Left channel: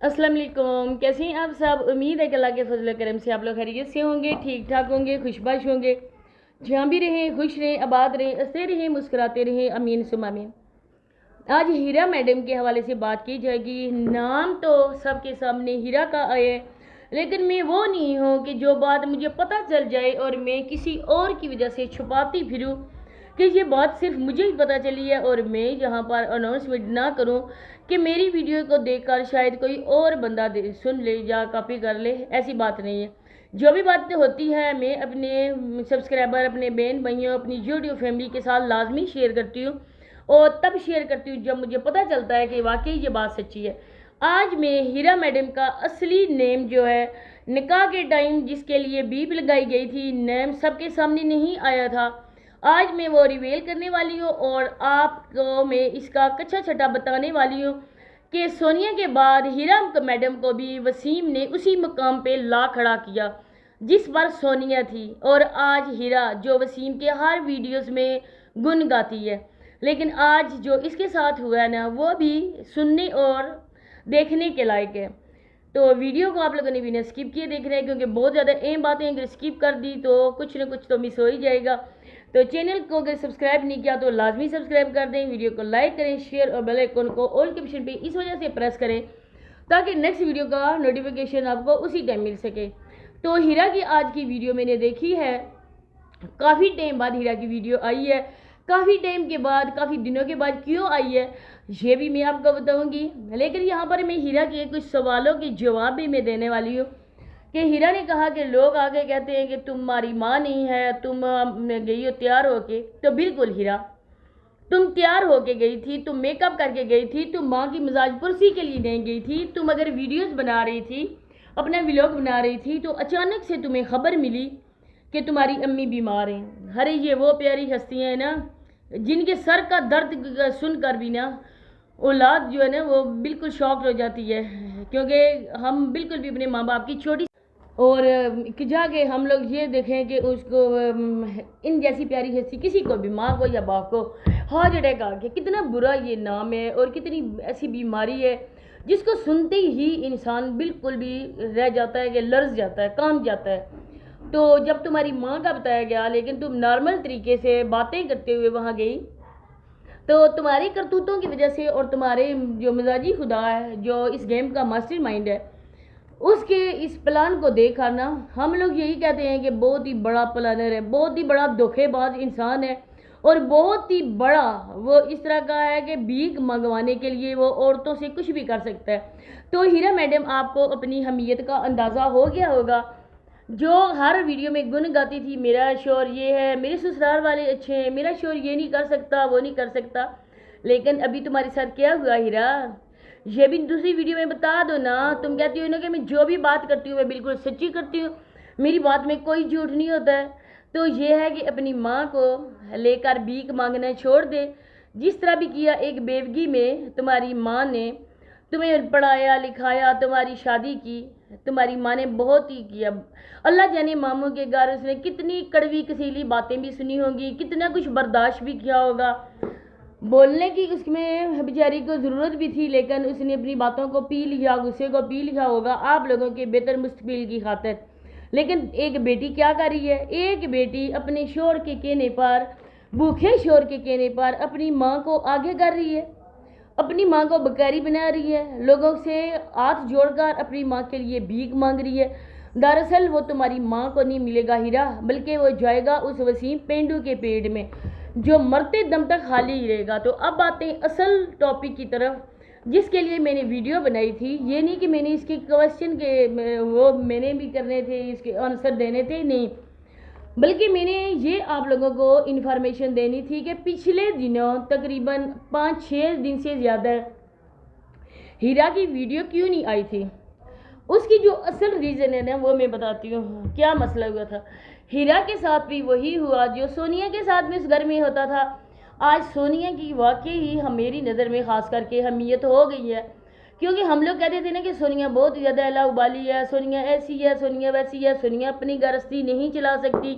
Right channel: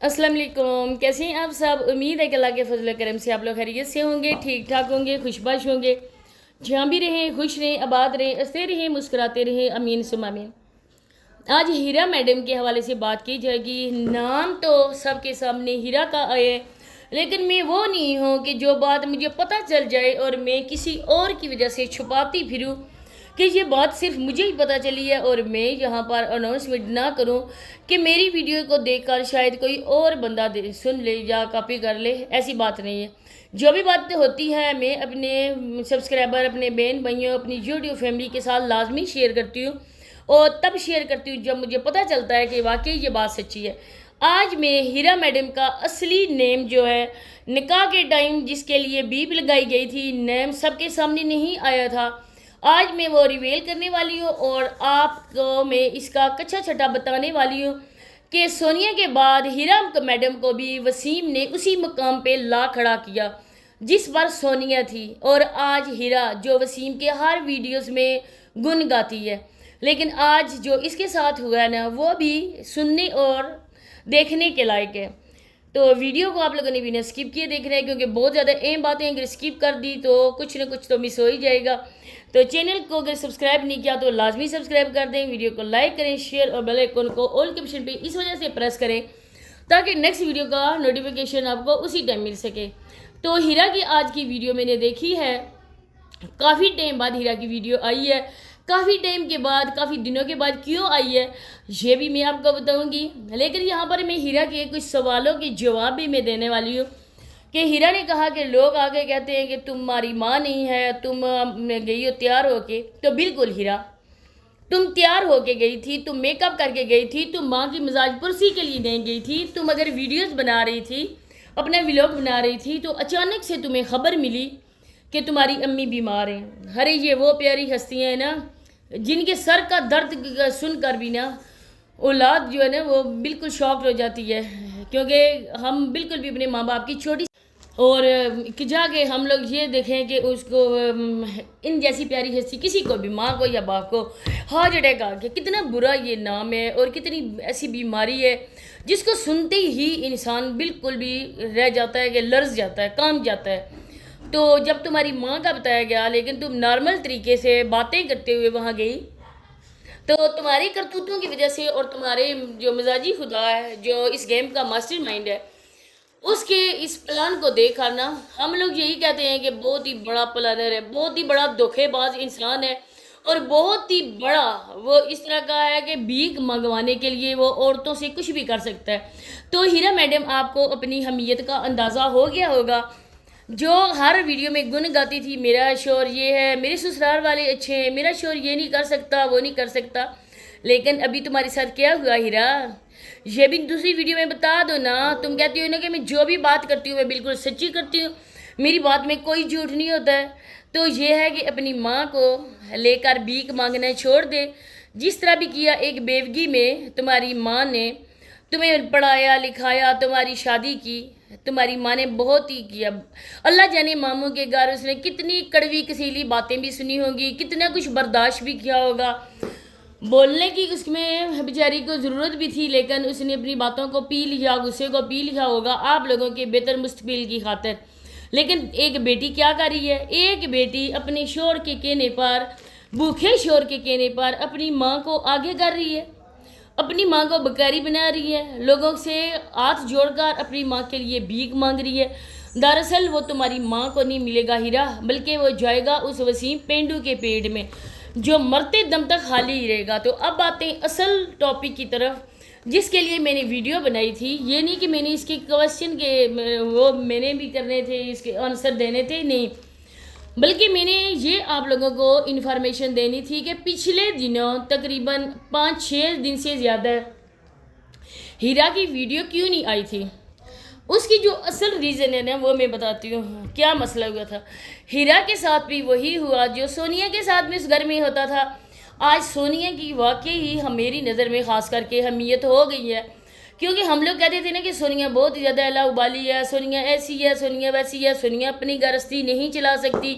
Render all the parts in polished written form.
अस्सलाम वालेकुम। कैसे हैं आप सब? उम्मीद है कि अल्लाह के फजल करम से आप लोग खैरियत से होंगे, ठीक ठाक होंगे, खुशबाश होंगे। जहाँ भी रहें खुश रहें, आबाद रहें, हंसते रहें, मुस्कुराते रहें, अमीन सुम अमीन। आज हीरा मैडम के हवाले से बात की जाएगी। नाम तो सबके सामने हीरा का आए, लेकिन मैं वो नहीं हूँ कि जो बात मुझे पता चल जाए और मैं किसी और की वजह से छुपाती फिरूँ कि ये बात सिर्फ मुझे ही पता चली है और मैं यहाँ पर अनाउंसमेंट ना करूँ कि मेरी वीडियो को देखकर शायद कोई और बंदा सुन ले या कॉपी कर ले। ऐसी बात नहीं है। जो भी बात होती है मैं अपने सब्सक्राइबर, अपने बहन भाइयों, अपनी यूट्यूब फैमिली के साथ लाजमी शेयर करती हूँ और तब शेयर करती हूँ जब मुझे पता चलता है कि वाकई ये बात सच्ची है। आज मैं हीरा मैडम का असली नेम जो है, निकाह के टाइम जिसके लिए बीप लगाई गई थी, नेम सबके सामने नहीं आया था, आज मैं वो रिवील करने वाली हूँ और आपको मैं इसका कच्चा छटा बताने वाली हूँ कि सोनिया के बाद हीरा मैडम को भी वसीम ने उसी मुकाम पे ला खड़ा किया जिस पर सोनिया थी। और आज हीरा जो वसीम के हर वीडियोस में गुन गाती है, लेकिन आज जो इसके साथ हुआ है ना, वो भी सुनने और देखने के लायक है। तो वीडियो को आप लोगों ने बिना स्किप किए देख रहे हैं, क्योंकि बहुत ज़्यादा अहम बातें अगर स्किप कर दी तो कुछ ना कुछ तो मिस हो ही जाएगा। तो चैनल को अगर सब्सक्राइब नहीं किया तो लाजमी सब्सक्राइब कर दें, वीडियो को लाइक करें, शेयर और बेल आइकन को ऑल के ऑप्शन पे इस वजह से प्रेस करें ताकि नेक्स्ट वीडियो का नोटिफिकेशन आपको उसी टाइम मिल सके। तो हीरा की आज की वीडियो मैंने देखी है, काफ़ी टाइम बाद हीरा की वीडियो आई है, काफ़ी टाइम के बाद, काफ़ी दिनों के बाद क्यों आई है ये भी मैं आपको बताऊंगी। लेकिन यहाँ पर मैं हीरा के कुछ सवालों के जवाब भी मैं देने वाली हूँ कि हीरा ने कहा कि लोग आगे कहते हैं कि तुम्हारी माँ नहीं है, तुम गई हो तैयार होके। तो बिल्कुल हीरा, तुम तैयार होके गई थी, तुम मेकअप करके गई थी, तुम माँ की मिजाज पुरसी के लिए नहीं गई थी। तुम अगर वीडियोस बना रही थी, अपना व्लॉग बना रही थी, तो अचानक से तुम्हें खबर मिली कि तुम्हारी अम्मी बीमार हैं। अरे ये वो प्यारी हस्तियाँ हैं ना जिनके सर का दर्द सुनकर भी ना औलाद जो है ना वो बिल्कुल शॉक्ड हो जाती है, क्योंकि हम बिल्कुल भी अपने माँ बाप की छोटी और कि जाके हम लोग ये देखें कि उसको इन जैसी प्यारी हस्ती किसी को भी, माँ को या बाप को, हार्ट अटैक आ गया। कितना बुरा ये नाम है और कितनी ऐसी बीमारी है जिसको सुनते ही इंसान बिल्कुल भी रह जाता है कि लर्ज जाता है, कांप जाता है। तो जब तुम्हारी माँ का बताया गया, लेकिन तुम नॉर्मल तरीके से बातें करते हुए वहाँ गई, तो तुम्हारी करतूतों की वजह से और तुम्हारे जो मिजाजी खुदा है, जो इस गेम का मास्टर माइंड है, उसके इस प्लान को देखा ना, हम लोग यही कहते हैं कि बहुत ही बड़ा प्लानर है, बहुत ही बड़ा धोखेबाज इंसान है और बहुत ही बड़ा वो इस तरह का है कि भीख मंगवाने के लिए वो औरतों से कुछ भी कर सकता है। तो हीरा मैडम, आपको अपनी हमीयत का अंदाज़ा हो गया होगा, जो हर वीडियो में गुन गाती थी, मेरा शोर ये है, मेरे ससुराल वाले अच्छे हैं, मेरा शोर ये नहीं कर सकता, वो नहीं कर सकता। लेकिन अभी तुम्हारे साथ क्या हुआ हीरा, ये भी दूसरी वीडियो में बता दो ना। तुम कहती हो ना कि मैं जो भी बात करती हूँ मैं बिल्कुल सच्ची करती हूँ, मेरी बात में कोई झूठ नहीं होता है। तो ये है कि अपनी माँ को लेकर भीख मांगना छोड़ दे, जिस तरह भी किया एक बेवगी में तुम्हारी माँ ने तुम्हें पढ़ाया लिखाया, तुम्हारी शादी की, तुम्हारी माँ ने बहुत ही किया। अल्लाह जाने मामू के घर उसने कितनी कड़वी कसीली बातें भी सुनी होंगी, कितना कुछ बर्दाश्त भी किया होगा। बोलने की उसमें बेचारी को ज़रूरत भी थी, लेकिन उसने अपनी बातों को पी लिया, गुस्से को पी लिया होगा आप लोगों के बेहतर मुस्तकबिल की खातिर। लेकिन एक बेटी क्या कर रही है, एक बेटी अपने शोर के कहने पर, भूखे शोर के कहने पर अपनी माँ को आगे कर रही है, अपनी माँ को बकारी बना रही है, लोगों से हाथ जोड़कर अपनी माँ के लिए भीख मांग रही है। दरअसल वो तुम्हारी माँ को नहीं मिलेगा हीरा, बल्कि वो जाएगा उस वसीम पेंडू के पेड़ में जो मरते दम तक खाली ही रहेगा। तो अब आते हैं असल टॉपिक की तरफ, जिसके लिए मैंने वीडियो बनाई थी। ये नहीं कि मैंने इसके क्वेश्चन के वो मैंने भी करने थे, इसके आंसर देने थे, नहीं, बल्कि मैंने ये आप लोगों को इन्फॉर्मेशन देनी थी कि पिछले दिनों तकरीबन 5-6 दिन से ज़्यादा हीरा की वीडियो क्यों नहीं आई थी। उसकी जो असल रीज़न है ना वो मैं बताती हूँ। क्या मसला हुआ था, हीरा के साथ भी वही हुआ जो सोनिया के साथ में इस घर में होता था। आज सोनिया की वाकई ही मेरी नज़र में ख़ास करके अहमियत हो गई है, क्योंकि हम लोग कहते थे ना कि सोनिया बहुत ही ज़्यादा अला उबाली है, सोनिया ऐसी है, सोनिया वैसी है, सोनिया अपनी गृहस्थी नहीं चला सकती।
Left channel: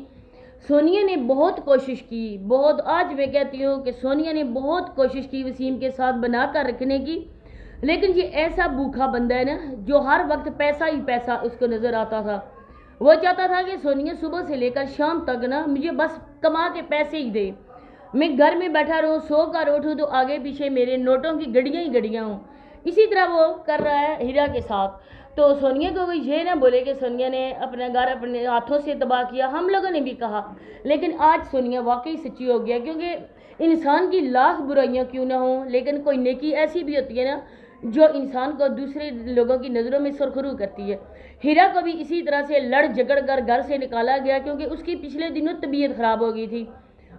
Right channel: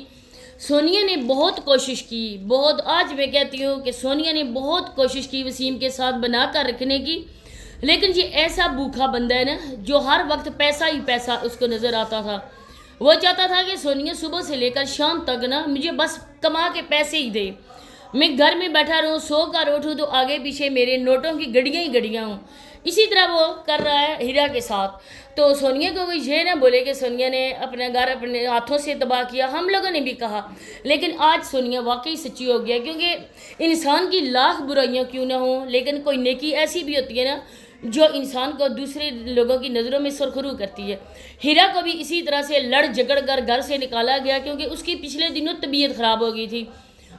सोनिया ने बहुत कोशिश की, बहुत, आज मैं कहती हूँ कि सोनिया ने बहुत कोशिश की वसीम के साथ बना कर रखने की, لیکن یہ ایسا بھوکا بندہ ہے نا جو ہر وقت پیسہ ہی پیسہ اس کو نظر آتا تھا. وہ چاہتا تھا کہ سونیا صبح سے لے کر شام تک نا مجھے بس کما کے پیسے ہی دے, میں گھر میں بیٹھا رہوں, سو کر اٹھوں تو آگے پیچھے میرے نوٹوں کی گڑیاں ہی گڑیاں ہوں. اسی طرح وہ کر رہا ہے ہیرا کے ساتھ. تو سونیا کو یہ نہ بولے کہ سونیا نے اپنا گھر اپنے ہاتھوں سے تباہ کیا, ہم لوگوں نے بھی کہا, لیکن آج سونیا واقعی سچی ہو گیا, کیونکہ انسان کی لاکھ برائیاں کیوں نہ ہوں لیکن کوئی نیکی ایسی بھی ہوتی ہے نا جو انسان کو دوسرے لوگوں کی نظروں میں سرخرو کرتی ہے. ہیرا کو بھی اسی طرح سے لڑ جھگڑ کر گھر سے نکالا گیا کیونکہ اس کی پچھلے دنوں طبیعت خراب ہو گئی تھی,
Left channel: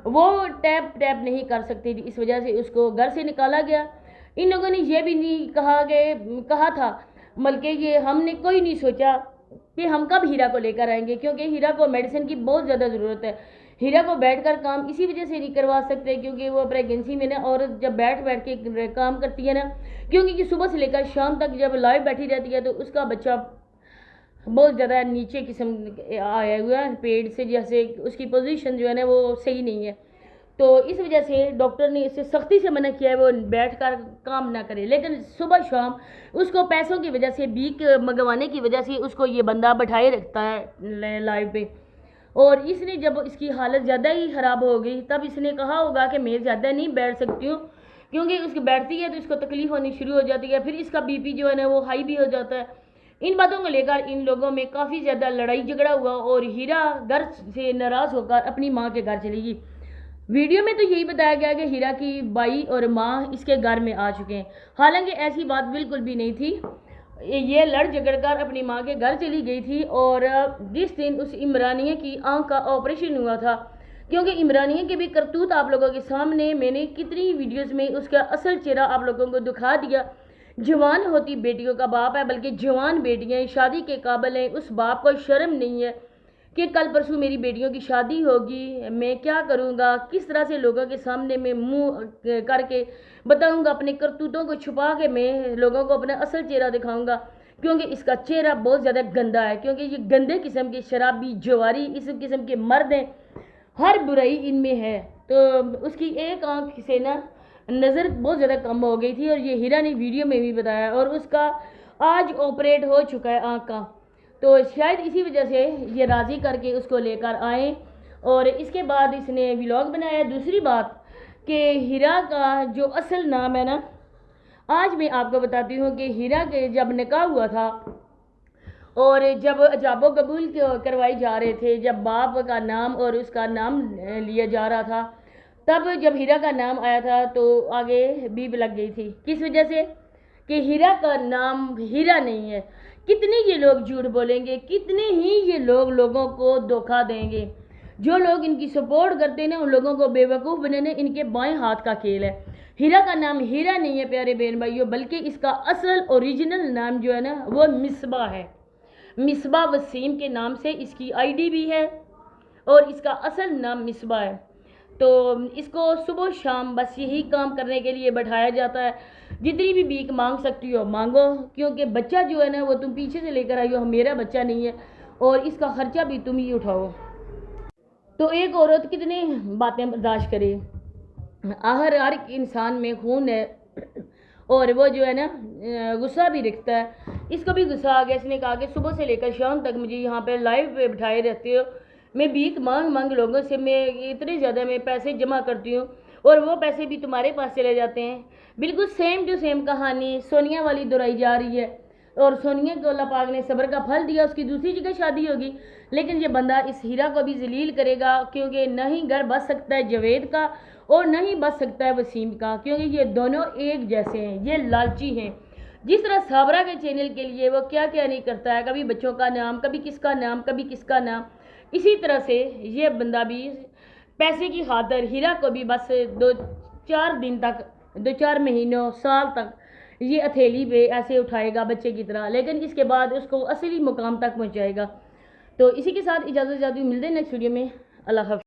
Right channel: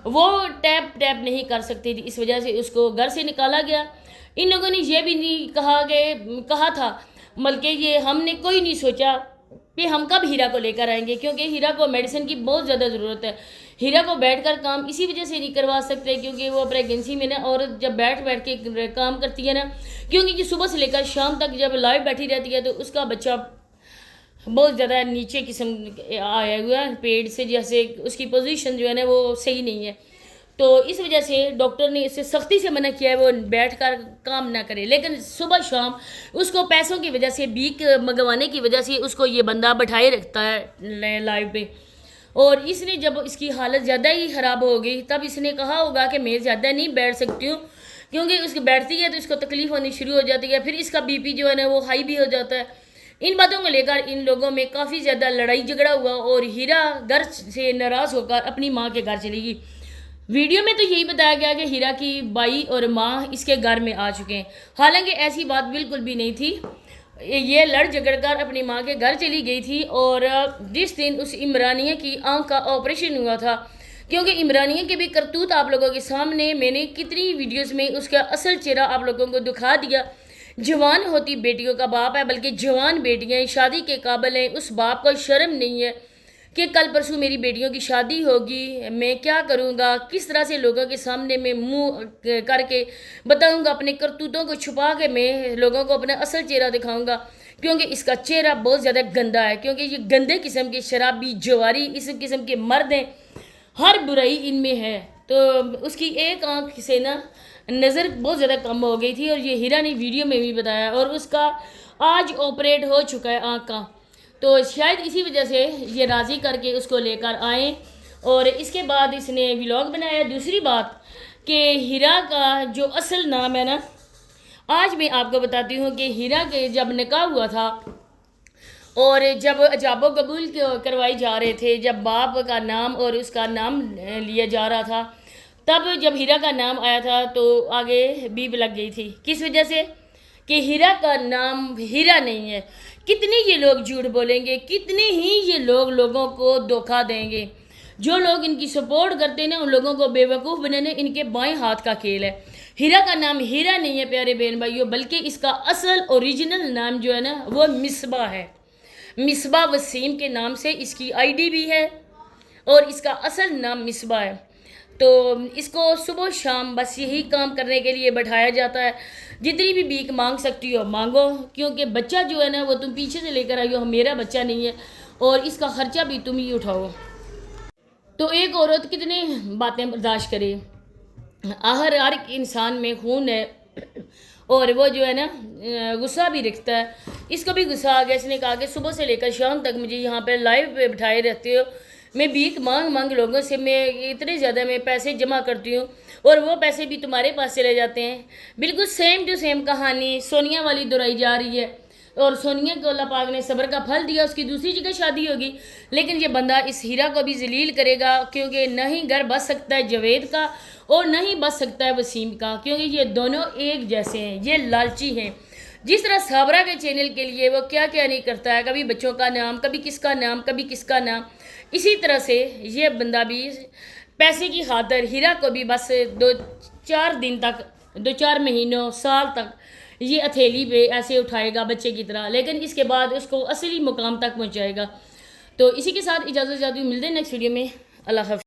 وہ ٹیپ نہیں کر سکتی تھی, اس وجہ سے اس کو گھر سے نکالا گیا. ان لوگوں نے یہ بھی نہیں کہا تھا, بلکہ یہ ہم نے کوئی نہیں سوچا کہ ہم کب ہیرا کو لے کر آئیں گے, کیونکہ ہیرا کو میڈیسن کی بہت زیادہ ضرورت ہے. ہیرا کو بیٹھ کر کام اسی وجہ سے نہیں کروا سکتے کیونکہ وہ پریگنسی میں نا عورت جب بیٹھ کے کام کرتی ہے نا, کیونکہ یہ صبح سے لے کر شام تک جب لائیو بیٹھی رہتی ہے تو اس کا بچہ بہت زیادہ نیچے قسم آیا ہوا ہے پیٹ سے, جیسے اس کی پوزیشن جو ہے نا وہ صحیح نہیں ہے. تو اس وجہ سے ڈاکٹر نے اسے سختی سے منع کیا ہے وہ بیٹھ کر کام نہ کرے, لیکن صبح شام اس کو پیسوں کی وجہ سے بیک منگوانے کی وجہ سے اس کو یہ بندہ بٹھائے رکھتا ہے لائیو پہ. اور اس نے جب اس کی حالت زیادہ ہی خراب ہو گئی تب اس نے کہا ہوگا کہ میں زیادہ نہیں بیٹھ سکتی ہوں, کیونکہ اس کی بیٹھتی ہے تو اس کو تکلیف ہونی شروع ہو جاتی ہے, پھر اس کا بی پی جو ہے نا وہ ہائی بھی ہو جاتا ہے. ان باتوں کو لے کر ان لوگوں میں کافی زیادہ لڑائی جھگڑا ہوا اور ہیرا گھر سے ناراض ہو کر اپنی ماں کے گھر چلی گئی. ویڈیو میں تو یہی بتایا گیا کہ ہیرا کی بائی اور ماں اس کے گھر میں آ چکے ہیں, حالانکہ ایسی بات بالکل بھی نہیں تھی. یہ لڑ جھگڑ کر اپنی ماں کے گھر چلی گئی تھی, اور جس دن اس عمرانیہ کی آنکھ کا آپریشن ہوا تھا, کیونکہ عمرانیہ کے بھی کرتوت آپ لوگوں کے سامنے میں نے کتنی ویڈیوز میں اس کا اصل چہرہ آپ لوگوں کو دکھا دیا. جوان ہوتی بیٹیوں کا باپ ہے, بلکہ جوان بیٹیاں شادی کے قابل ہیں, اس باپ کو شرم نہیں ہے کہ کل پرسوں میری بیٹیوں کی شادی ہوگی, میں کیا کروں گا, کس طرح سے لوگوں کے سامنے میں منہ کر کے بتاؤں گا, اپنے کرتوتوں کو چھپا کے میں لوگوں کو اپنا اصل چہرہ دکھاؤں گا, کیونکہ اس کا چہرہ بہت زیادہ گندا ہے, کیونکہ یہ گندے قسم کے شرابی جواری اس قسم کے مرد ہیں, ہر برائی ان میں ہے. تو اس کی ایک آنکھ سے نا نظر بہت زیادہ کم ہو گئی تھی, اور یہ ہیرا نے ویڈیو میں بھی بتایا, اور اس کا آج آپریٹ ہو چکا ہے آنکھ کا. تو شاید اسی وجہ سے یہ راضی کر کے اس کو لے کر آئیں, اور اس کے بعد اس نے ولاگ بنایا. دوسری بات کہ ہیرا کا جو اصل نام ہے نا, آج میں آپ کو بتاتی ہوں کہ ہیرا کے جب نکاح ہوا تھا اور جب ایجاب و قبول کروائی جا رہے تھے, جب باپ کا نام اور اس کا نام لیا جا رہا تھا, تب جب ہیرا کا نام آیا تھا تو آگے بیپ لگ گئی تھی. کس وجہ سے کہ ہیرا کا نام ہیرا نہیں ہے. کتنے یہ لوگ جھوٹ بولیں گے, کتنے ہی یہ لوگوں کو دھوکہ دیں گے. جو لوگ ان کی سپورٹ کرتے ہیں نا, ان لوگوں کو بے وقوف بنانا ان کے بائیں ہاتھ کا کھیل ہے. ہیرا کا نام ہیرا نہیں ہے پیارے بہن بھائیوں, بلکہ اس کا اصل اوریجنل نام جو ہے نا وہ مصباح ہے. مصباح وسیم کے نام سے اس کی آئی ڈی بھی ہے, اور اس کا اصل نام مصباح ہے. تو اس کو صبح شام بس یہی کام کرنے کے لیے بٹھایا جاتا ہے. جتنی بھی بھیک مانگ سکتی ہو مانگو, کیونکہ بچہ جو ہے نا وہ تم پیچھے سے لے کر آئی ہو, میرا بچہ نہیں ہے, اور اس کا خرچہ بھی تم ہی اٹھاؤ. تو ایک عورت کتنے باتیں برداشت کرے, ہر ایک انسان میں خون ہے, اور وہ جو ہے نا غصہ بھی رکھتا ہے. اس کو بھی غصہ آ گیا, اس نے کہا کہ صبح سے لے کر شام تک مجھے یہاں پہ لائیو پہ بٹھائے رہتے ہو, میں بھیک مانگ لوگوں سے میں اتنے زیادہ میں پیسے جمع کرتی ہوں, اور وہ پیسے بھی تمہارے پاس چلے جاتے ہیں. بالکل سیم ٹو سیم کہانی سونیا والی دہرائی جا رہی ہے, اور سونیا کو اللہ پاک نے صبر کا پھل دیا, اس کی دوسری جگہ شادی ہوگی, لیکن یہ بندہ اس ہیرا کو بھی ذلیل کرے گا, کیونکہ نہ ہی گھر بس سکتا ہے جاوید کا اور نہ ہی بس سکتا ہے وسیم کا, کیونکہ یہ دونوں ایک جیسے ہیں, یہ لالچی ہیں. جس طرح صابرہ کے چینل کے لیے وہ کیا نہیں کرتا ہے, کبھی بچوں کا نام, کبھی کس کا نام, کبھی کس کا نام, اسی طرح سے یہ بندہ بھی پیسے کی خاطر ہیرا کو بھی بس 2-4 دن تک, 2-4 مہینوں, سال تک یہ ہتھیلی پہ ایسے اٹھائے گا بچے کی طرح, لیکن اس کے بعد اس کو اصلی مقام تک پہنچائے گا. تو اسی کے ساتھ اجازت چاہتی ہوں, ملتے ہیں نیکسٹ ویڈیو میں. اللہ حافظ.